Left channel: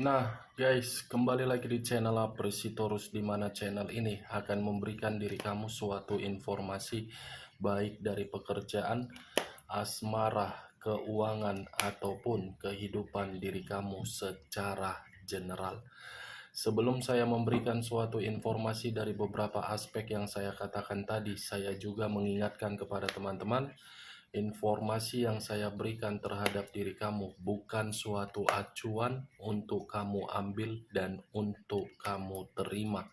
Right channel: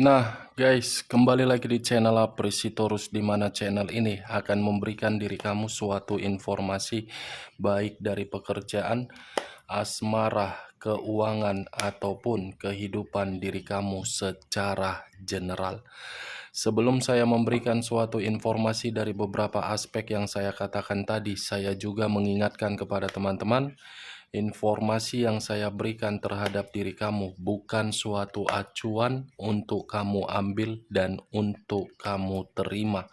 Nah, guys, kembali lagi di channel Apresitorus, di mana channel ini akan memberikan diri kamu suatu informasi baik dari pekerjaan, asmara, keuangan, ataupun kehidupan diri kamu secara general. Sebelum saya memberikan suatu informasi dari beberapa aspek yang saya katakan tadi, saya juga mengingatkan kepada teman-teman, informasi yang saya berikan terhadap diri kamu bukan suatu acuan untuk kamu ambil dan untuk kamu terima.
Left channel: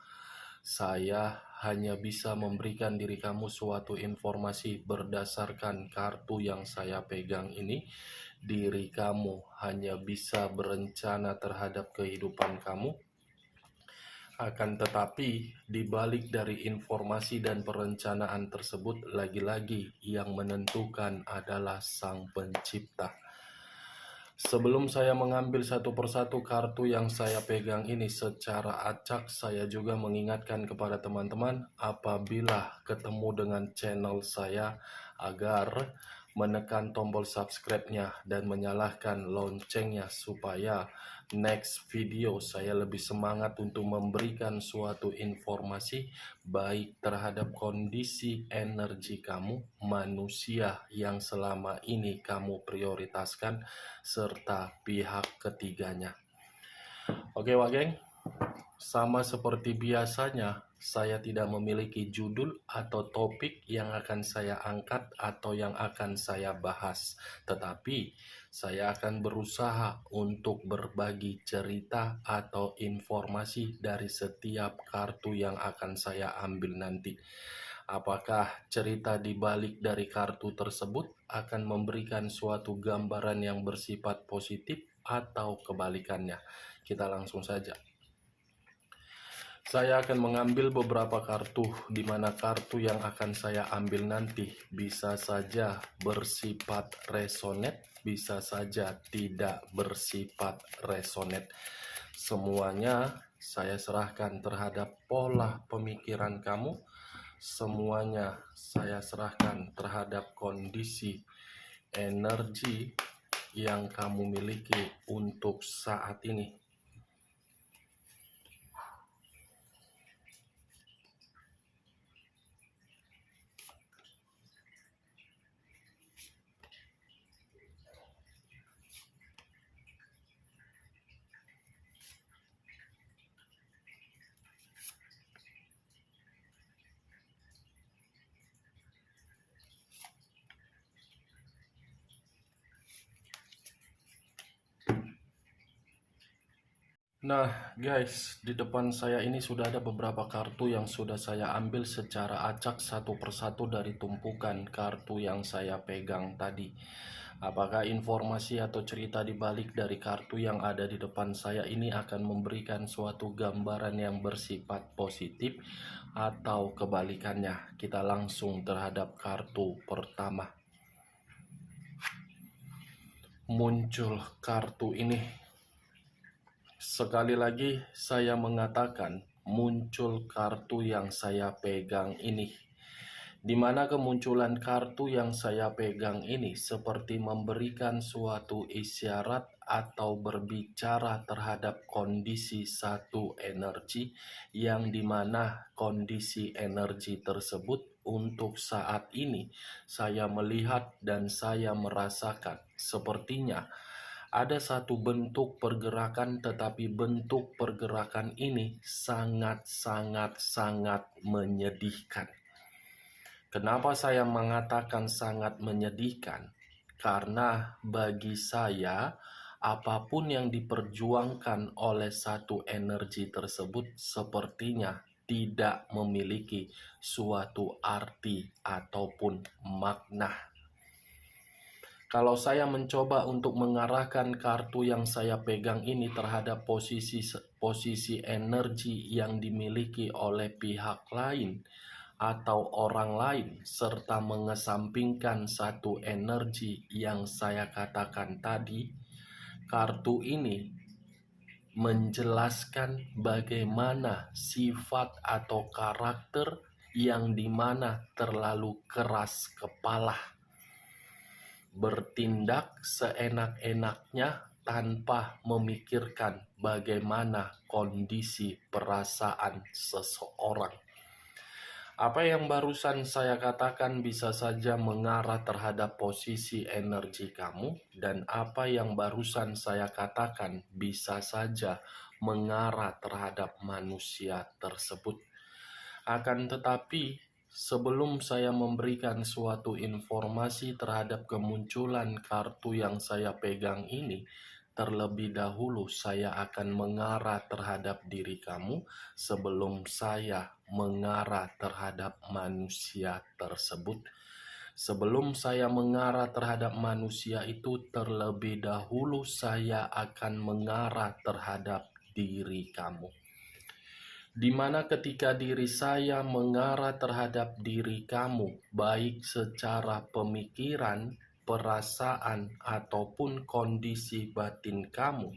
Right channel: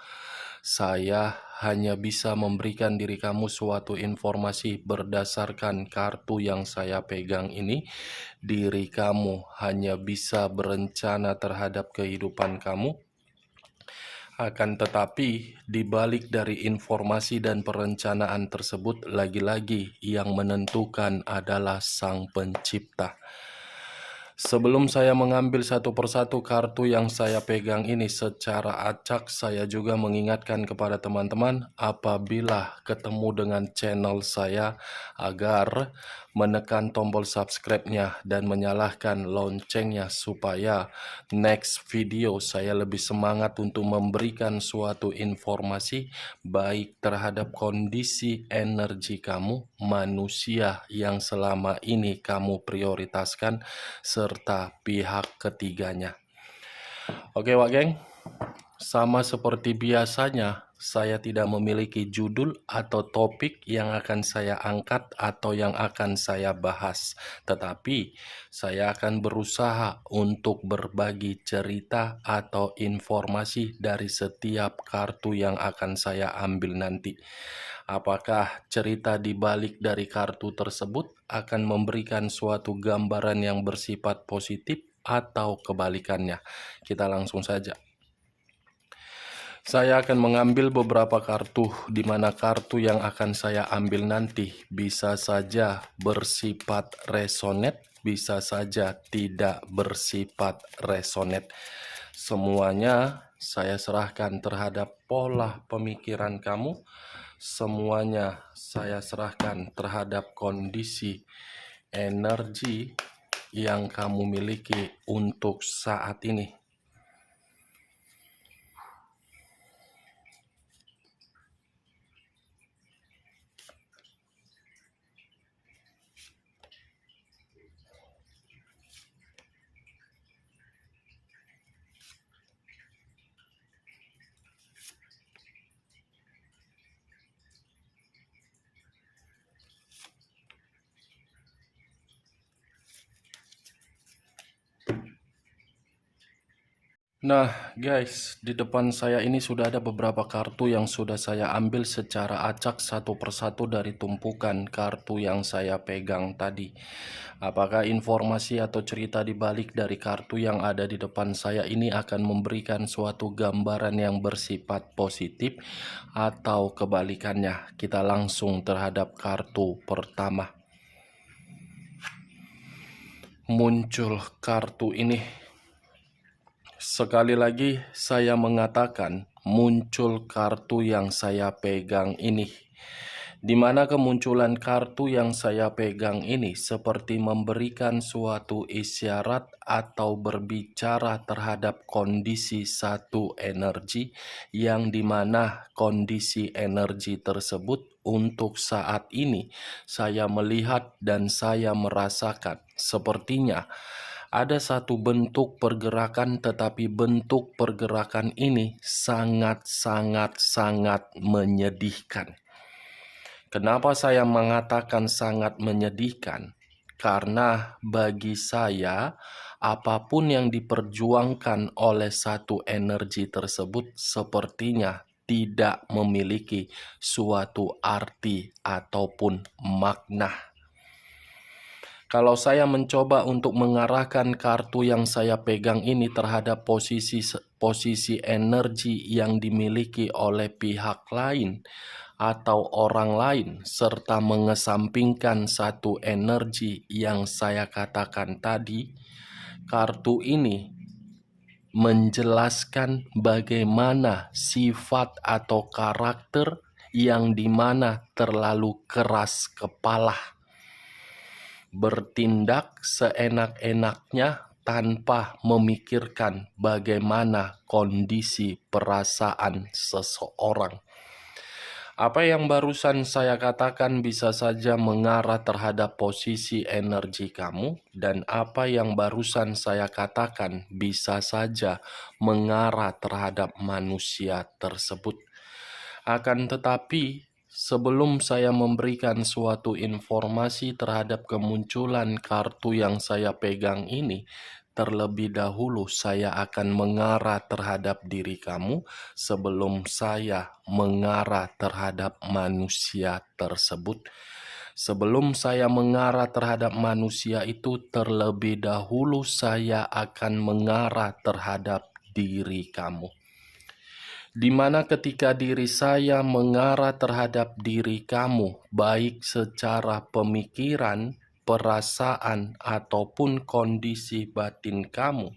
Saya hanya bisa memberikan diri kamu suatu informasi berdasarkan kartu yang saya pegang ini. Diri kamu hanya bisa berencana terhadap kehidupan kamu. Akan tetapi, di balik dari informasi dan perencanaan tersebut, lagi-lagi yang menentukan adalah Sang Pencipta. Sebelum saya mengambil satu persatu kartu yang saya pegang ini secara acak, saya juga mengingatkan kepada teman-teman apabila ketemu dengan channel saya agar menekan tombol subscribe-nya dan menyalakan loncengnya supaya next video saya lebih semangat untuk memberikan suatu informasi baik terhadap kondisi energi kamu, manusia yang selama ini kamu prioritaskan, serta pihak ketiganya. Oke, Wak Geng, sama seperti biasanya, saya tidak memiliki judul atau topik yang akan saya angkat atau yang akan saya bahas. Tetapi, saya akan berusaha untuk berbagi cerita atau informasi dari setiap kartu yang akan saya ambil nanti. Apakah cerita di balik dari kartu tersebut akan memberikan suatu gambaran yang bersifat positif atau kebalikannya? Kita langsung saja. Saya akan mengambil beberapa kartu, di mana kartu yang akan saya ambil nanti bisa saja bersifat resonate, bisa saja tidak bersifat resonate. Semuanya saya serahkan terhadap pola pemikiran kamu. Semuanya saya serahkan terhadap kondisi energi yang kamu miliki untuk saat ini. Nah, guys, di depan saya ini sudah ada beberapa kartu yang sudah saya ambil secara acak satu persatu dari tumpukan kartu yang saya pegang tadi. Apakah informasi atau cerita di balik dari kartu yang ada di depan saya ini akan memberikan suatu gambaran yang bersifat positif atau kebalikannya? Kita langsung terhadap kartu pertama. Muncul kartu ini. Sekali lagi saya mengatakan muncul kartu yang saya pegang ini, di mana kemunculan kartu yang saya pegang ini seperti memberikan suatu isyarat atau berbicara terhadap kondisi satu energi, yang dimana kondisi energi tersebut untuk saat ini saya melihat dan saya merasakan sepertinya ada satu bentuk pergerakan, tetapi bentuk pergerakan ini sangat menyedihkan. Kenapa saya mengatakan sangat menyedihkan? Karena bagi saya, apapun yang diperjuangkan oleh satu energi tersebut sepertinya tidak memiliki suatu arti ataupun makna. Kalau saya mencoba untuk mengarahkan kartu yang saya pegang ini terhadap posisi energi yang dimiliki oleh pihak lain atau orang lain, serta mengesampingkan satu energi yang saya katakan tadi, kartu ini menjelaskan bagaimana sifat atau karakter yang dimana terlalu keras kepala, bertindak seenak-enaknya tanpa memikirkan bagaimana kondisi perasaan seseorang. Apa yang barusan saya katakan bisa saja mengarah terhadap posisi energi kamu, dan apa yang barusan saya katakan bisa saja mengarah terhadap manusia tersebut. Akan tetapi, sebelum saya memberikan suatu informasi terhadap kemunculan kartu yang saya pegang ini, terlebih dahulu saya akan mengarah terhadap diri kamu sebelum saya mengarah terhadap manusia tersebut. Sebelum saya mengarah terhadap manusia itu, terlebih dahulu saya akan mengarah terhadap diri kamu. Di mana ketika diri saya mengarah terhadap diri kamu, baik secara pemikiran, perasaan, ataupun kondisi batin kamu,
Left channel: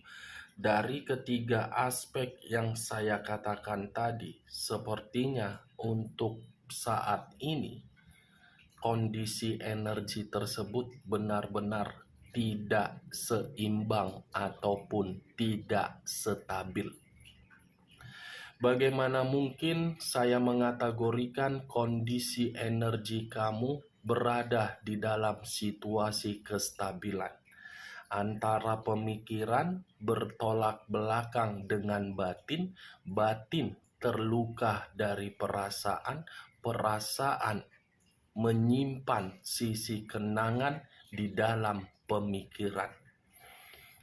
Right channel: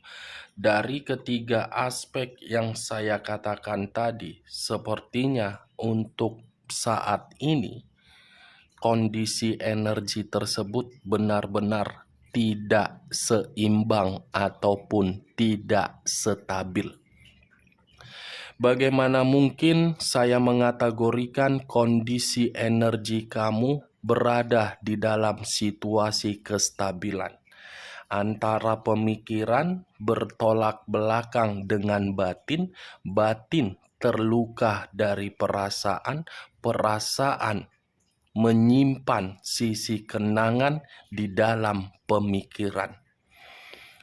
dari ketiga aspek yang saya katakan tadi, sepertinya untuk saat ini, kondisi energi tersebut benar-benar tidak seimbang ataupun tidak stabil. Bagaimana mungkin saya mengategorikan kondisi energi kamu berada di dalam situasi kestabilan antara pemikiran bertolak belakang dengan batin, batin terluka dari perasaan, perasaan menyimpan sisi kenangan di dalam pemikiran.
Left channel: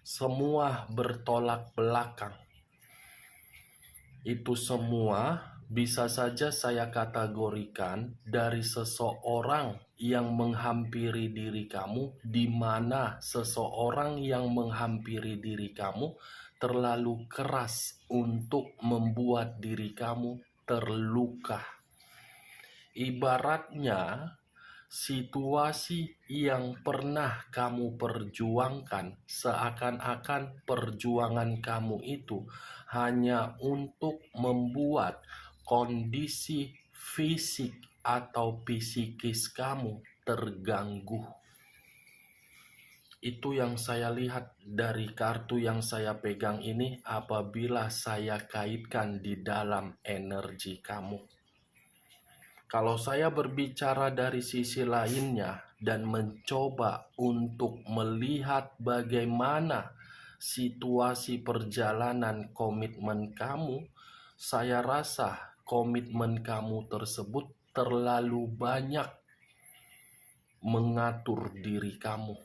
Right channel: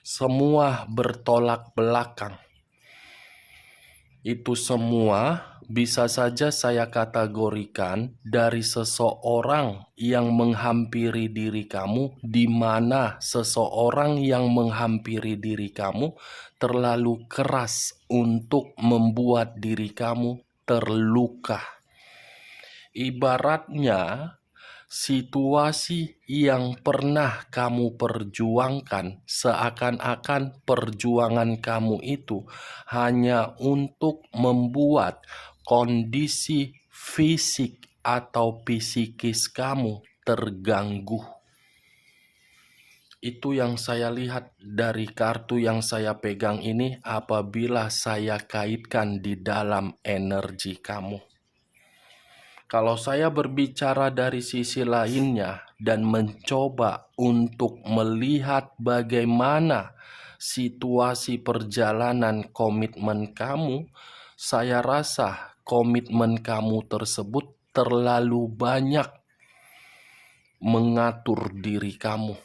Semua bertolak belakang. Itu semua bisa saja saya kategorikan dari seseorang yang menghampiri diri kamu, di mana seseorang yang menghampiri diri kamu terlalu keras untuk membuat diri kamu terluka. Ibaratnya, situasi yang pernah kamu perjuangkan seakan-akan perjuangan kamu itu hanya untuk membuat kondisi fisik atau psikis kamu terganggu. Itu yang saya lihat dari kartu yang saya pegang ini apabila saya kaitkan di dalam energi kamu. Kalau saya berbicara dari sisi lainnya dan mencoba untuk melihat bagaimana situasi perjalanan komitmen kamu, saya rasa komitmen kamu tersebut terlalu banyak mengatur diri kamu.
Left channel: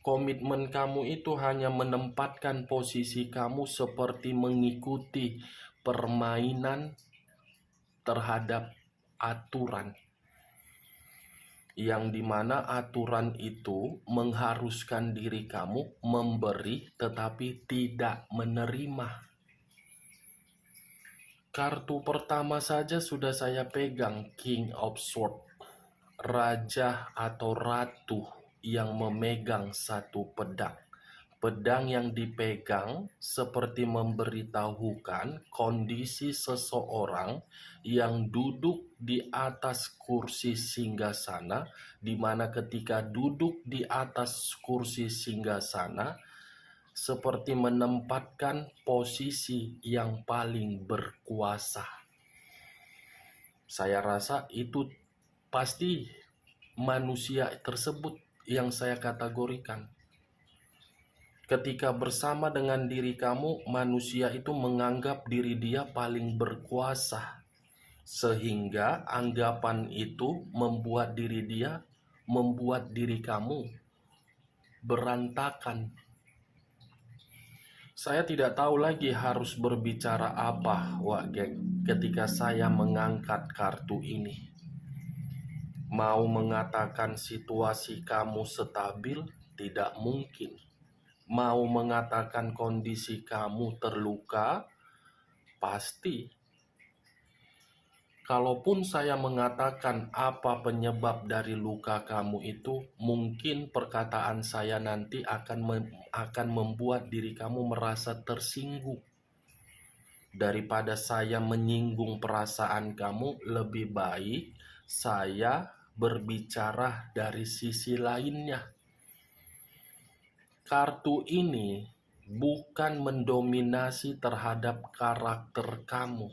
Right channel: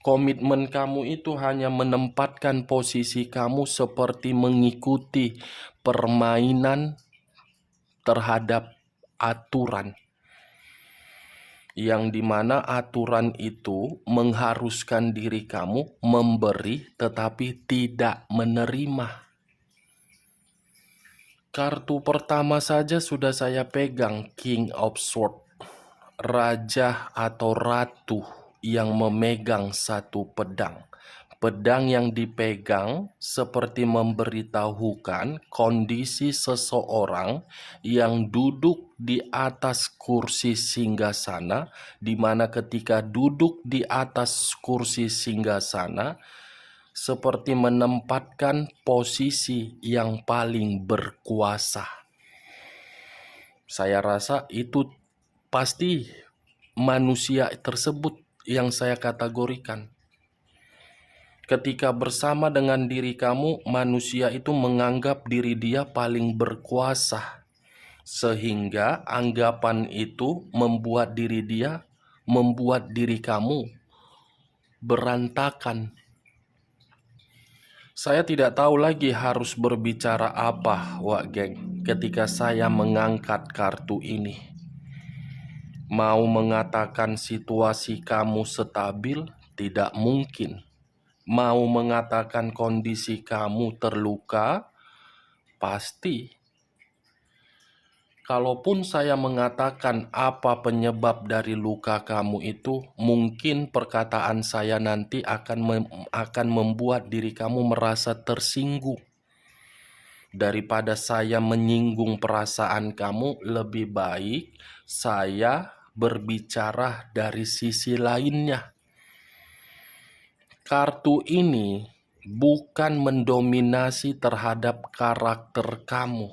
Komitmen kamu itu hanya menempatkan posisi kamu seperti mengikuti permainan terhadap aturan, yang dimana aturan itu mengharuskan diri kamu memberi tetapi tidak menerima. Kartu pertama saja sudah saya pegang, King of Swords, raja atau ratu yang memegang satu pedang. Pedang yang dipegang seperti memberitahukan kondisi seseorang yang duduk di atas kursi singgasana, di mana ketika duduk di atas kursi singgasana seperti menempatkan posisi yang paling berkuasa. Saya rasa itu pasti manusia tersebut yang saya kategorikan. Ketika bersama dengan diri kamu, manusia itu menganggap diri dia paling berkuasa, sehingga anggapan itu membuat diri kamu berantakan. Saya tidak tahu lagi harus berbicara apa, Wak Geng, ketika saya mengangkat kartu ini. Mau mengatakan situasi kamu stabil, tidak mungkin. Mau mengatakan kondisi kamu terluka, pasti. Kalaupun saya mengatakan apa penyebab dari luka kamu itu, mungkin perkataan saya nanti akan membuat diri kamu merasa tersinggung. Daripada saya menyinggung perasaan kamu, lebih baik saya berbicara dari sisi lainnya. Kartu ini bukan mendominasi terhadap karakter kamu,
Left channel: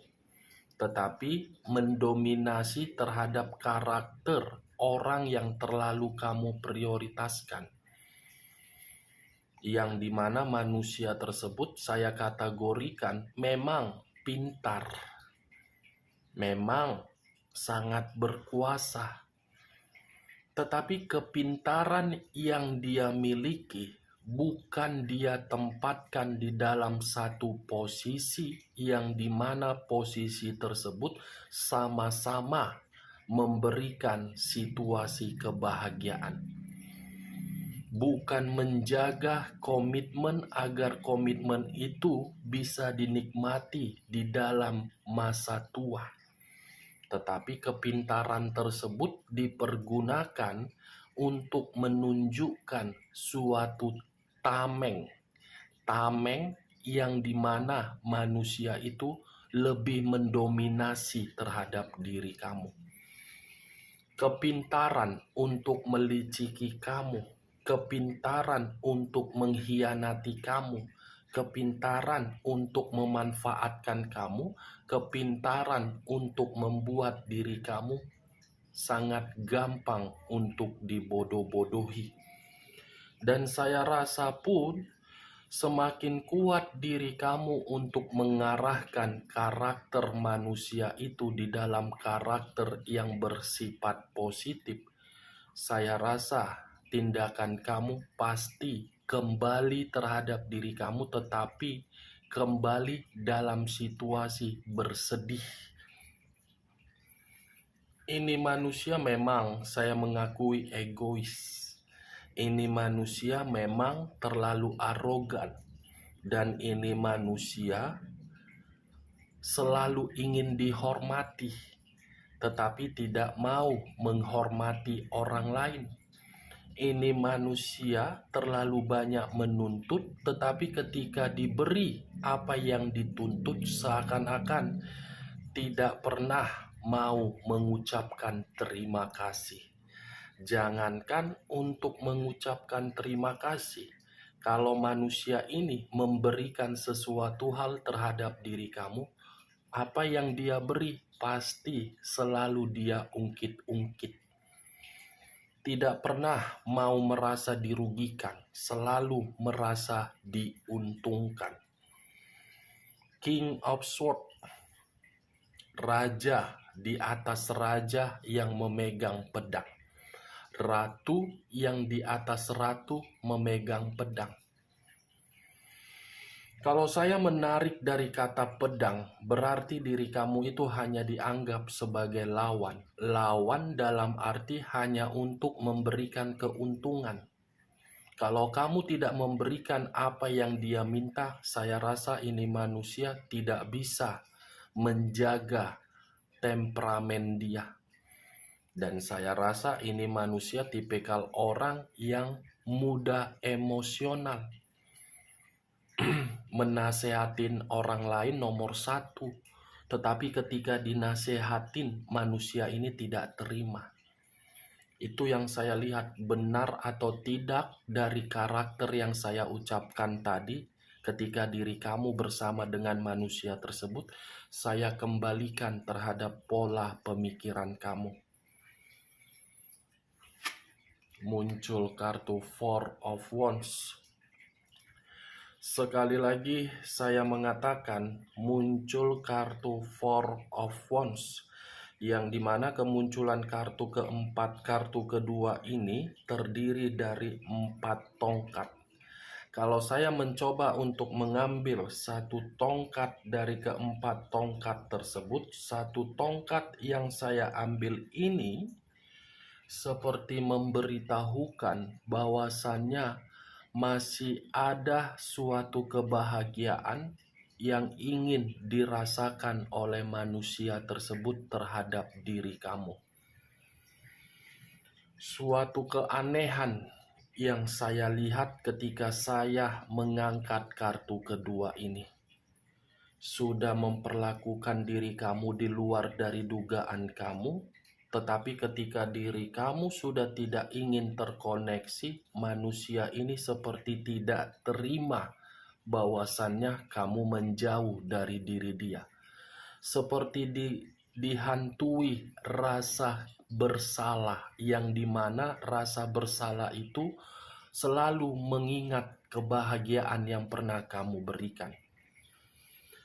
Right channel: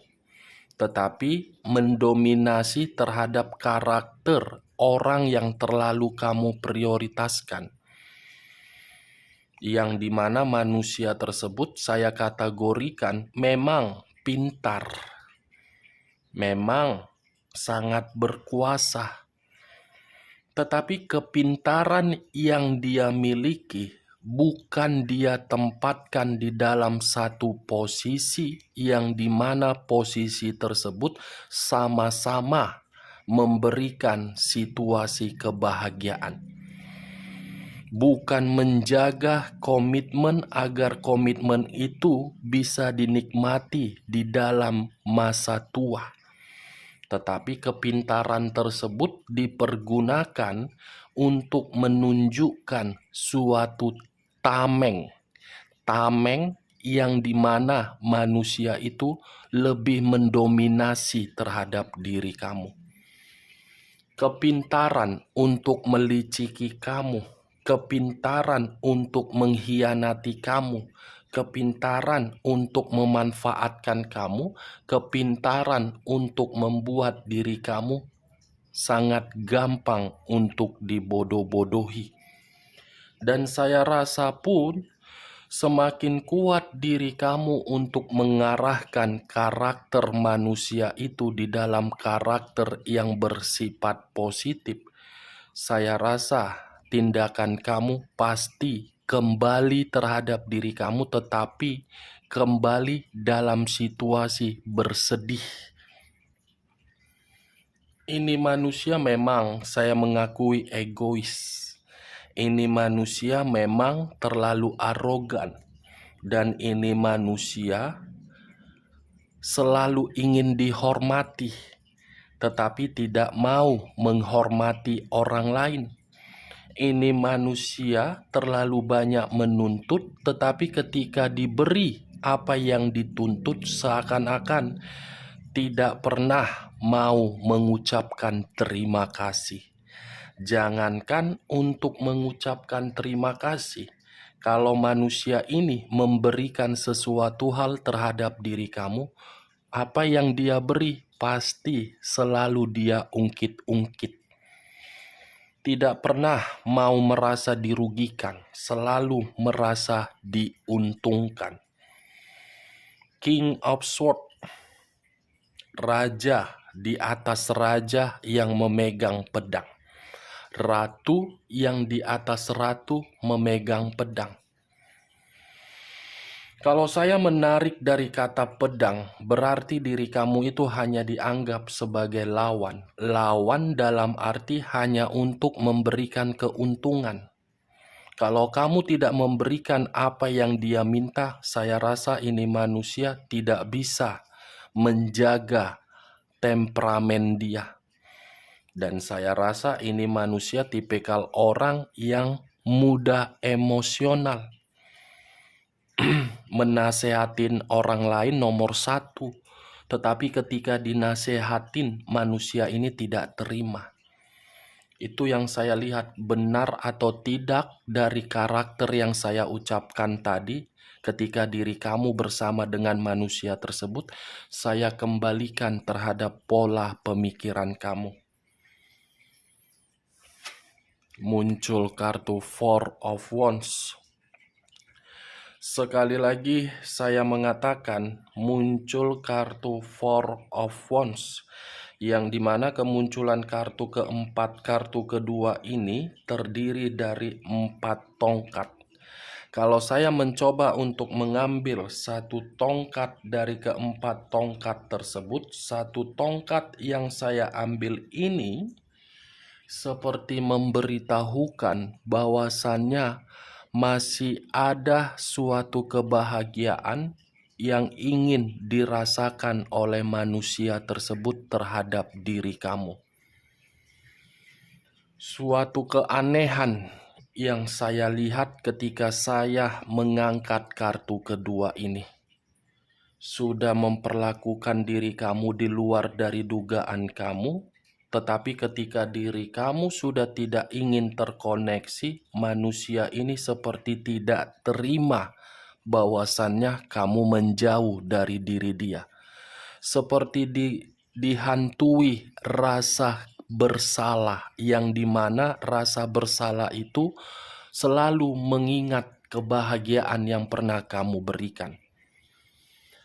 tetapi mendominasi terhadap karakter orang yang terlalu kamu prioritaskan. Yang dimana manusia tersebut saya kategorikan memang pintar, memang sangat berkuasa, tetapi kepintaran yang dia miliki bukan dia tempatkan di dalam satu posisi yang dimana posisi tersebut sama-sama memberikan situasi kebahagiaan. Bukan menjaga komitmen agar komitmen itu bisa dinikmati di dalam masa tua. Tetapi kepintaran tersebut dipergunakan untuk menunjukkan suatu tameng. Tameng yang dimana manusia itu lebih mendominasi terhadap diri kamu. Kepintaran untuk meliciki kamu, kepintaran untuk mengkhianati kamu, kepintaran untuk memanfaatkan kamu, kepintaran untuk membuat diri kamu sangat gampang untuk dibodoh-bodohi. Dan saya rasa pun semakin kuat diri kamu untuk mengarahkan karakter manusia itu di dalam karakter yang bersifat positif, saya rasa tindakan kamu pasti kembali terhadap diri kamu, tetapi kembali dalam situasi bersedih. Ini manusia memang saya mengakui egois. Ini manusia memang terlalu arogan. Dan ini manusia selalu ingin dihormati, tetapi tidak mau menghormati orang lain. Ini manusia terlalu banyak menuntut, tetapi ketika diberi apa yang dituntut seakan-akan tidak pernah mau mengucapkan terima kasih. Jangankan untuk mengucapkan terima kasih, kalau manusia ini memberikan sesuatu hal terhadap diri kamu, apa yang dia beri pasti selalu dia ungkit-ungkit. Tidak pernah mau merasa dirugikan, selalu merasa diuntungkan. King of Swords, raja di atas raja yang memegang pedang. Ratu yang di atas ratu memegang pedang. Kalau saya menarik dari kata pedang, berarti diri kamu itu hanya dianggap sebagai lawan. Lawan dalam arti hanya untuk memberikan keuntungan. Kalau kamu tidak memberikan apa yang dia minta, saya rasa ini manusia tidak bisa menjaga temperamen dia. Dan saya rasa ini manusia tipikal orang yang mudah emosional. Menasehatin orang lain nomor satu, tetapi ketika dinasehatin manusia ini tidak terima. Itu yang saya lihat, benar atau tidak dari karakter yang saya ucapkan tadi. Ketika diri kamu bersama dengan manusia tersebut, saya kembalikan terhadap pola pemikiran kamu. Muncul kartu Four of Wands. Sekali lagi saya mengatakan muncul kartu Four of Wands, yang dimana kemunculan kartu keempat, kartu kedua ini terdiri dari 4 tongkat. Kalau saya mencoba untuk mengambil satu tongkat dari keempat tongkat tersebut, satu tongkat yang saya ambil ini seperti memberitahukan bahwasannya masih ada suatu kebahagiaan yang ingin dirasakan oleh manusia tersebut terhadap diri kamu. Suatu keanehan yang saya lihat ketika saya mengangkat kartu kedua ini. Sudah memperlakukan diri kamu di luar dari dugaan kamu, Tetapi ketika diri kamu sudah tidak ingin terkoneksi, manusia ini seperti tidak terima bahwasannya kamu menjauh dari diri dia. Seperti dihantui rasa bersalah, yang dimana rasa bersalah itu selalu mengingat kebahagiaan yang pernah kamu berikan.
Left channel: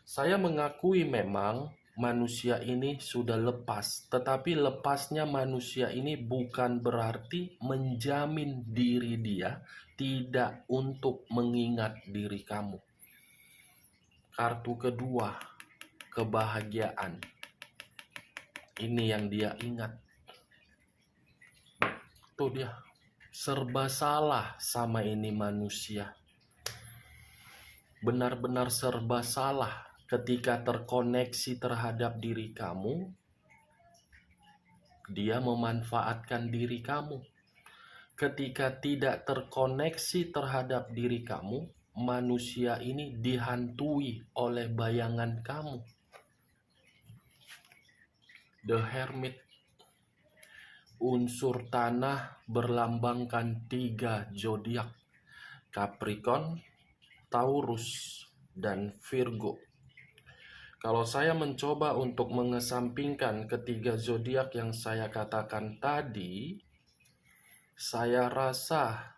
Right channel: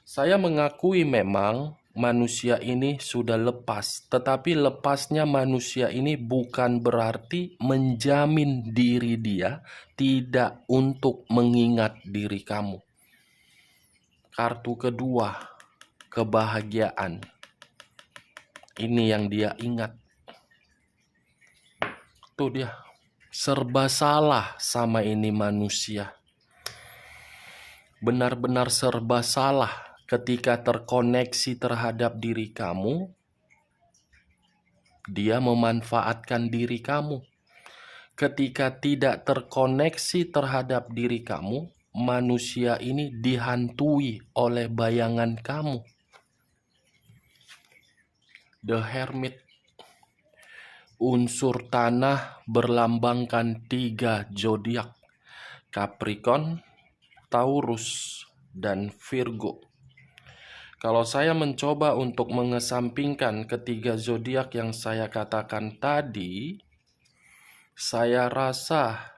Saya mengakui memang manusia ini sudah lepas, tetapi lepasnya manusia ini bukan berarti menjamin diri dia tidak untuk mengingat diri kamu. Kartu kedua, kebahagiaan. Ini yang dia ingat. Tuh dia, serba salah sama ini manusia. Benar-benar serba salah ketika terkoneksi terhadap diri kamu. Dia memanfaatkan diri kamu. Ketika tidak terkoneksi terhadap diri kamu, manusia ini dihantui oleh bayangan kamu. The Hermit. Unsur tanah berlambangkan 3 zodiak: Capricorn, Taurus, dan Virgo. Kalau saya mencoba untuk mengesampingkan ketiga zodiak yang saya katakan tadi, saya rasa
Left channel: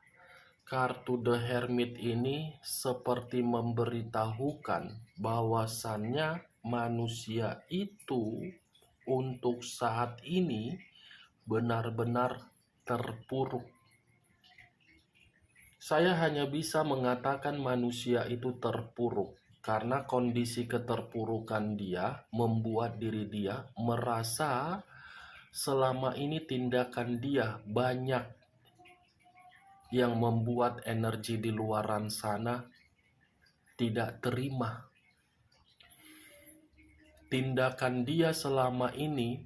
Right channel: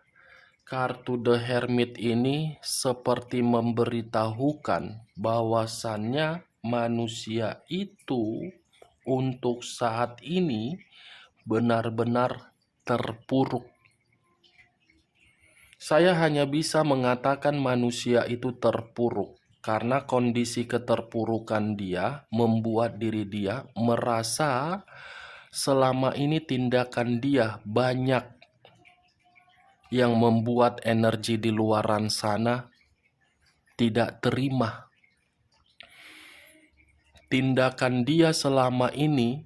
kartu The Hermit ini seperti memberitahukan bahwasannya manusia itu untuk saat ini benar-benar terpuruk. Saya hanya bisa mengatakan manusia itu terpuruk karena kondisi keterpurukan dia membuat diri dia merasa selama ini tindakan dia banyak yang membuat energi di luaran sana tidak terima. Tindakan dia selama ini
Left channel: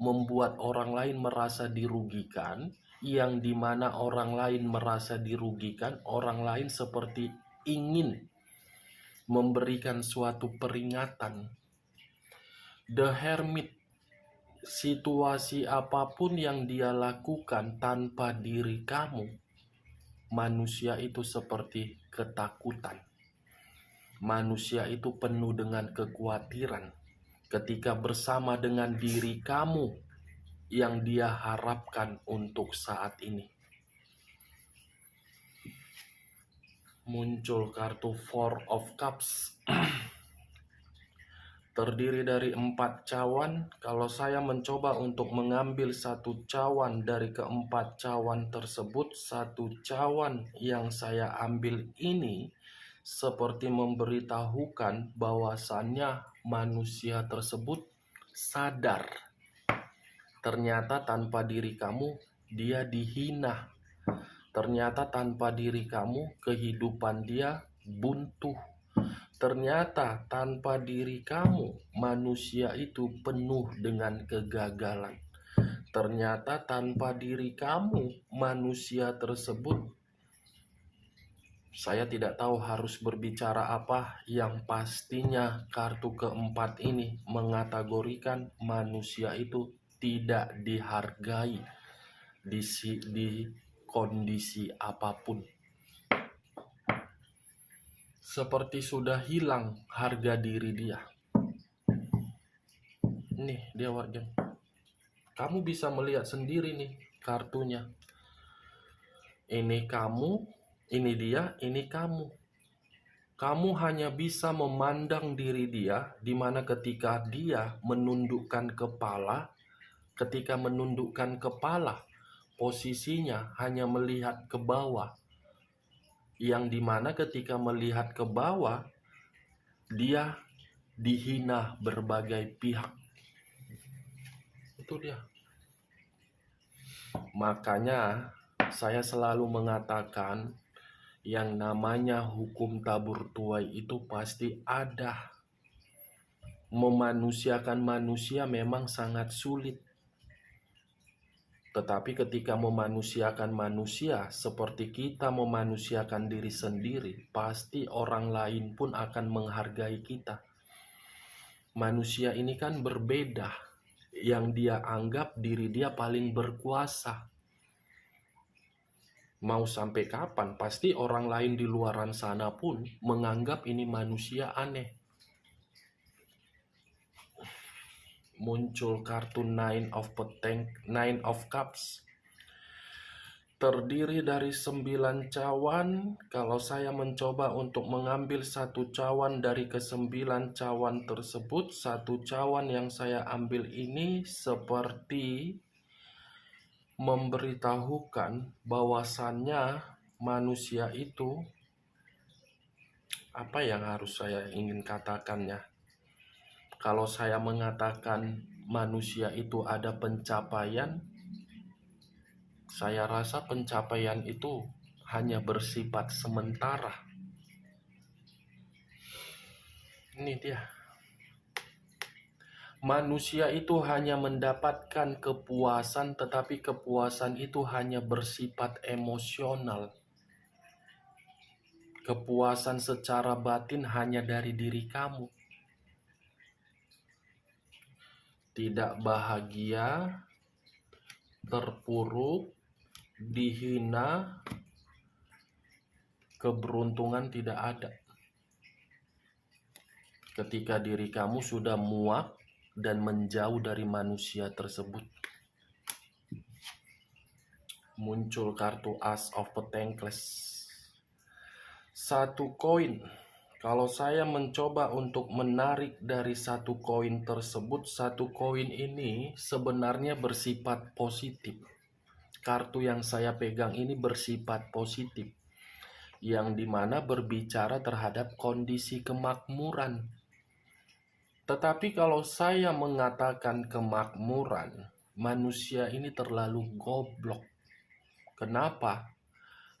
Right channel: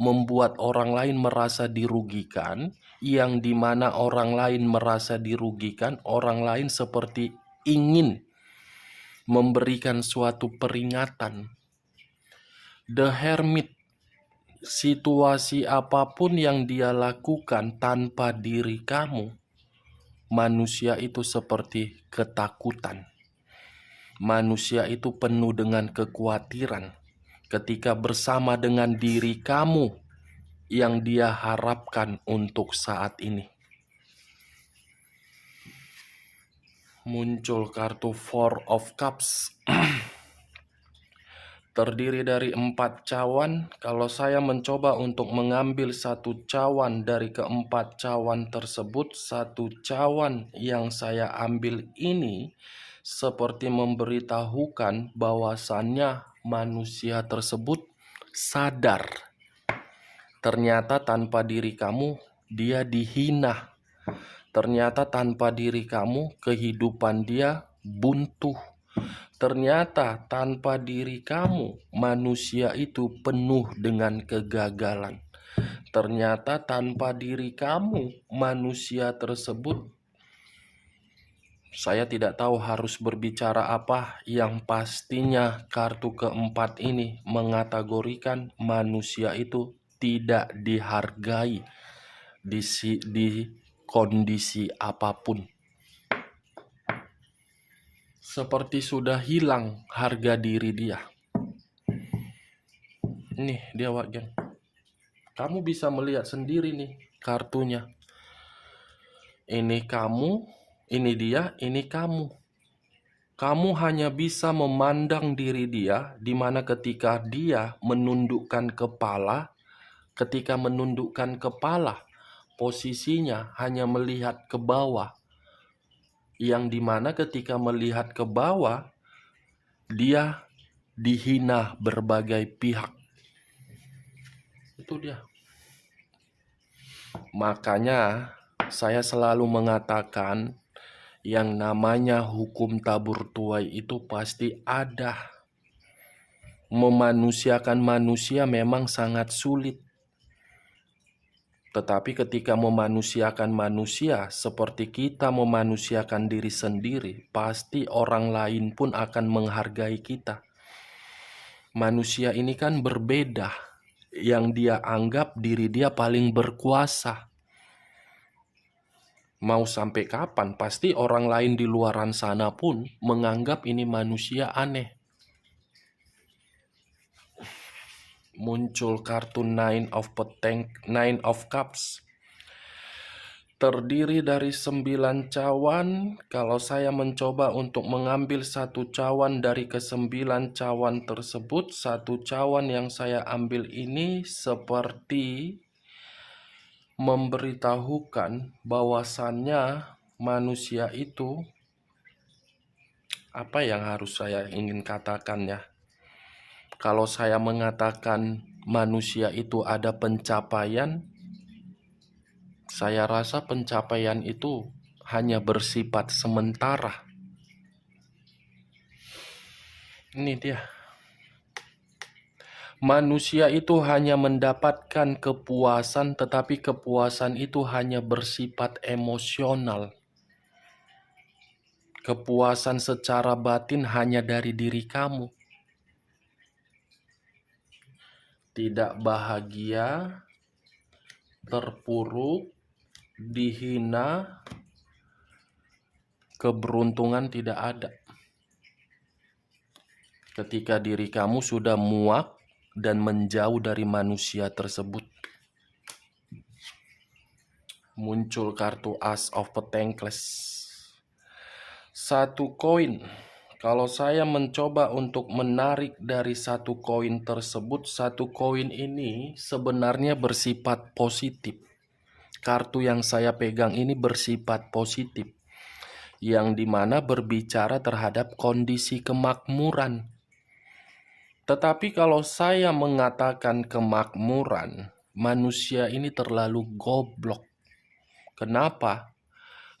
membuat orang lain merasa dirugikan, yang dimana orang lain merasa dirugikan, orang lain seperti ingin memberikan suatu peringatan. The Hermit, situasi apapun yang dia lakukan tanpa diri kamu, manusia itu seperti ketakutan. Manusia itu penuh dengan kekhawatiran ketika bersama dengan diri kamu yang dia harapkan untuk saat ini. Muncul kartu Four of Cups. Terdiri dari 4 cawan. Kalau saya mencoba untuk mengambil 1 cawan dari keempat cawan tersebut, 1 cawan yang saya ambil ini seperti memberitahukan bahwasannya manusia tersebut sadar ternyata tanpa diri kamu dia dihina. Ternyata tanpa diri kamu kehidupan dia buntu. Ternyata tanpa diri kamu manusia itu penuh dengan kegagalan. Ternyata tanpa diri kamu manusia tersebut, saya tidak tahu harus berbicara apa. Yang pastinya kartu keempat ini mengategorikan manusia itu tidak dihargai di kondisi apapun. Seperti sudah hilang harga diri dia. Nih dia wajan. Kamu bisa melihat sendiri nih kartunya. Ini kamu, ini dia, ini kamu. Kamu hanya bisa memandang diri dia, di mana ketika dia menundukkan kepala, posisinya hanya melihat ke bawah. Yang dimana ketika melihat ke bawah, dia dihina berbagai pihak. Itu dia. Makanya saya selalu mengatakan yang namanya hukum tabur tuai itu pasti ada. Memanusiakan manusia memang sangat sulit. Tetapi ketika memanusiakan manusia seperti kita memanusiakan diri sendiri, pasti orang lain pun akan menghargai kita. Manusia ini kan berbeda. yang dia anggap diri dia paling berkuasa. Mau sampai kapan? Pasti orang lain di luaran sana pun menganggap ini manusia aneh. Muncul kartu Nine of Cups. Terdiri dari 9 cawan. Kalau saya mencoba untuk mengambil satu cawan dari ke-9 cawan tersebut, satu cawan yang saya ambil ini seperti memberitahukan bahwasannya manusia itu, apa yang harus saya ingin katakannya? Kalau saya mengatakan manusia itu ada pencapaian, saya rasa pencapaian itu hanya bersifat sementara. Ini dia. Manusia itu hanya mendapatkan kepuasan, tetapi kepuasan itu hanya bersifat emosional. Kepuasan secara batin hanya dari diri kamu. Tidak bahagia, terpuruk, dihina, keberuntungan tidak ada. Ketika diri kamu sudah muak dan menjauh dari manusia tersebut. Muncul kartu Ace of Pentacles. Satu koin. Kalau saya mencoba untuk menarik dari satu koin tersebut, satu koin ini sebenarnya bersifat positif. Kartu yang saya pegang ini bersifat positif, yang dimana berbicara terhadap kondisi kemakmuran. Tetapi kalau saya mengatakan kemakmuran, manusia ini terlalu goblok. Kenapa?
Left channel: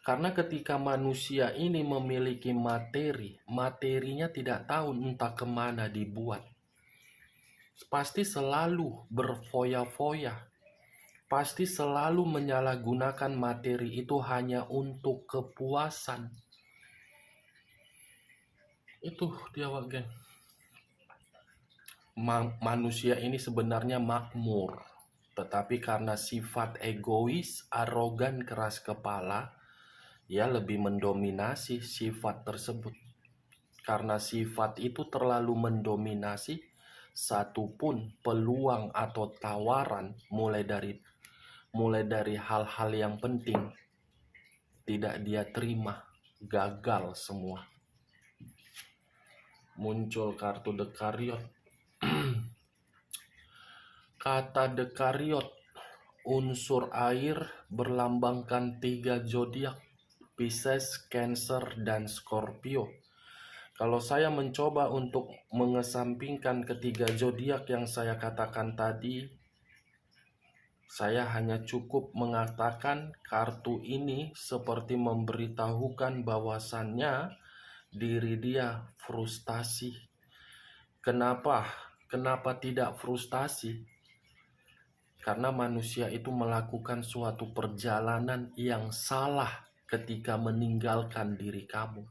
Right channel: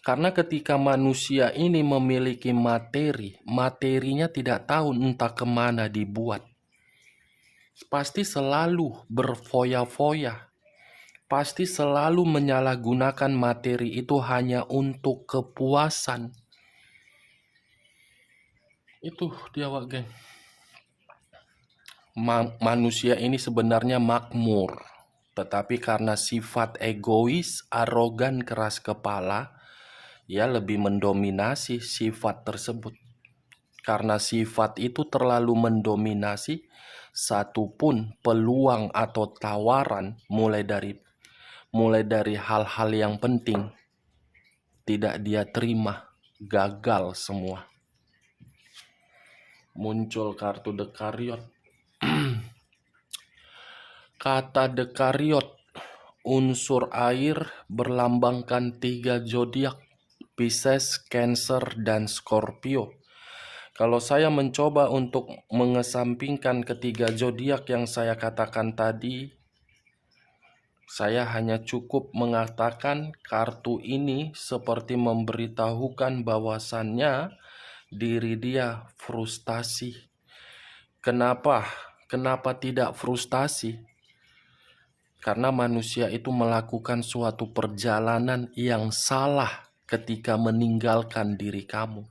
Karena ketika manusia ini memiliki materi, materinya tidak tahu entah kemana dibuat. Pasti selalu berfoya-foya. Pasti selalu menyalahgunakan materi itu hanya untuk kepuasan. Itu dia, geng. Manusia ini sebenarnya makmur. Tetapi karena sifat egois, arogan, keras kepala, ia lebih mendominasi sifat tersebut. Karena sifat itu terlalu mendominasi, satupun peluang atau tawaran mulai dari hal-hal yang penting tidak dia terima, gagal semua. Muncul kartu The Chariot. Kata The Chariot, unsur air berlambangkan 3 zodiak, Pisces, Cancer, dan Scorpio. Kalau saya mencoba untuk mengesampingkan ketiga zodiak yang saya katakan tadi, saya hanya cukup mengatakan kartu ini seperti memberitahukan bahwasannya diri dia frustasi. Kenapa? Kenapa tidak frustasi? Karena manusia itu melakukan suatu perjalanan yang salah ketika meninggalkan diri kamu.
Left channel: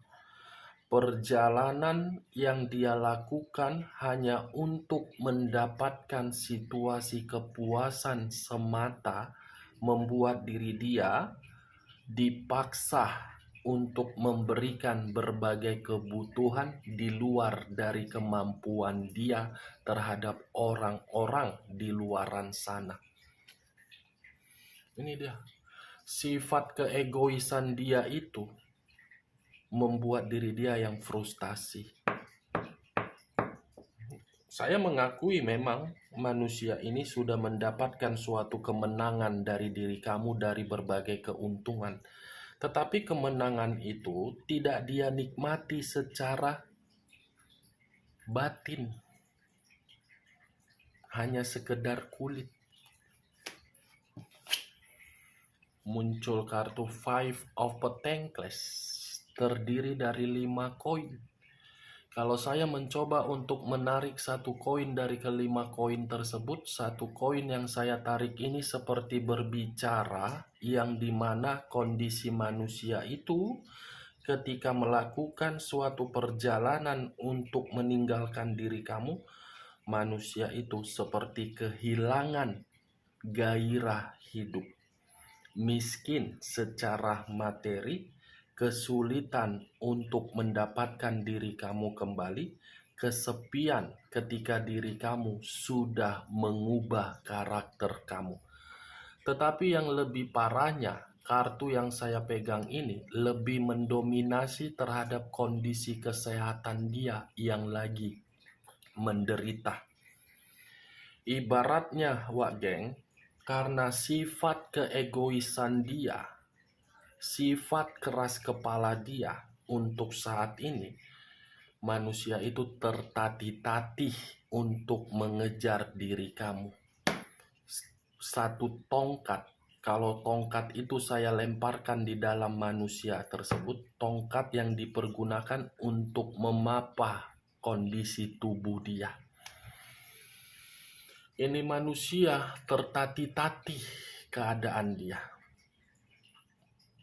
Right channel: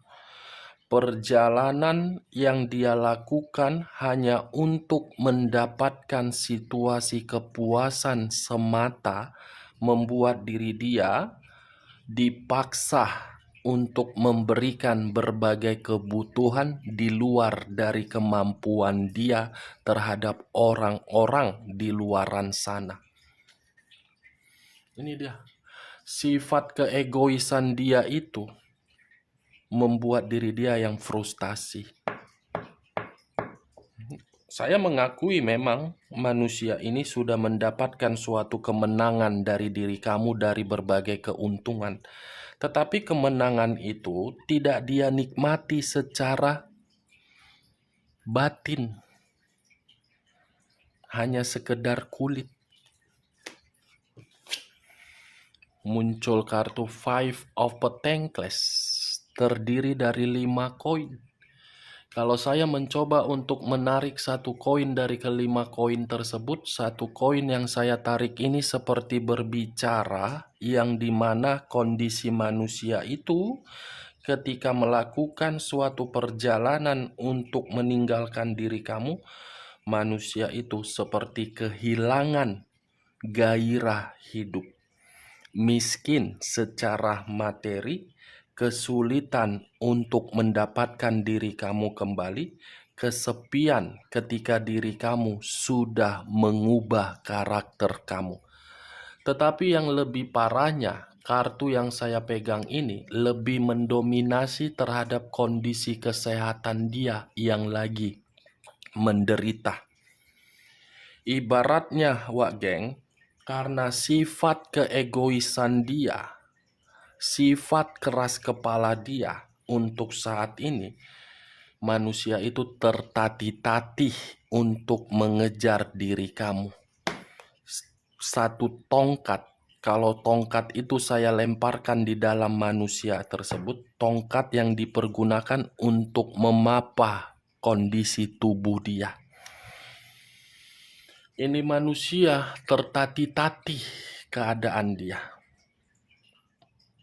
Perjalanan yang dia lakukan hanya untuk mendapatkan situasi kepuasan semata, membuat diri dia dipaksa untuk memberikan berbagai kebutuhan di luar dari kemampuan dia terhadap orang-orang di luaran sana. Ini dia. Sifat keegoisan dia itu membuat diri dia yang frustasi. Saya mengakui memang manusia ini sudah mendapatkan suatu kemenangan dari diri kamu dari berbagai keuntungan. Tetapi kemenangan itu tidak dia nikmati secara batin. Hanya sekedar kulit. Muncul kartu Five of Pentacles. Terdiri dari 5 koin. Kalau saya mencoba untuk menarik satu koin dari kelima koin tersebut, satu koin yang saya tarik ini seperti berbicara, yang dimana kondisi manusia itu ketika melakukan suatu perjalanan untuk meninggalkan diri kamu, manusia itu seperti kehilangan gairah hidup, miskin secara materi, kesulitan untuk mendapatkan diri kamu kembali, kesepian ketika diri kamu sudah mengubah karakter kamu. Tetapi yang lebih parahnya, kartu yang saya pegang ini lebih mendominasi terhadap kondisi kesehatan dia yang lagi menderita. Ibaratnya, Wak Geng, karena sifat keegoisan dia, sifat keras kepala dia untuk saat ini, manusia itu tertatih-tatih untuk mengejar diri kamu. Satu tongkat, kalau tongkat itu saya lemparkan di dalam manusia tersebut, tongkat yang dipergunakan untuk memapah kondisi tubuh dia. Ini manusia tertatih-tatih keadaan dia.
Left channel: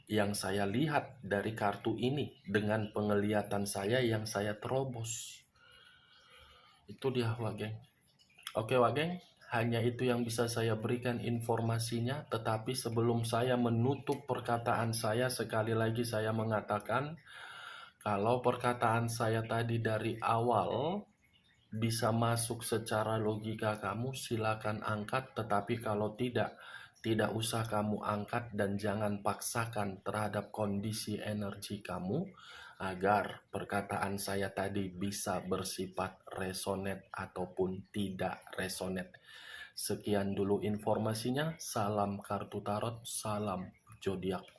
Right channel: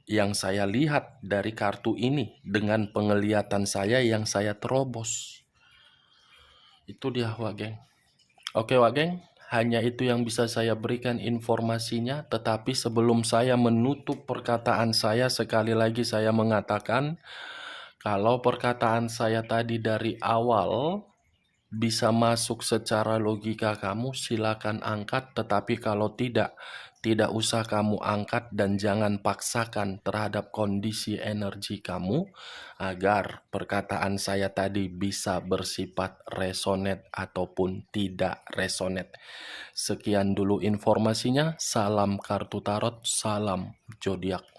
Yang saya lihat dari kartu ini dengan penglihatan saya yang saya terobos. Itu dia, Wak Geng. Oke, Wak Geng, hanya itu yang bisa saya berikan informasinya. Tetapi sebelum saya menutup perkataan saya, sekali lagi saya mengatakan, kalau perkataan saya tadi dari awal bisa masuk secara logika kamu, silakan angkat. Tetapi kalau tidak usah kamu angkat dan jangan paksakan terhadap kondisi energi kamu agar perkataan saya tadi bisa bersifat resonate ataupun tidak resonate. Sekian dulu informasinya. Salam kartu tarot, salam zodiak.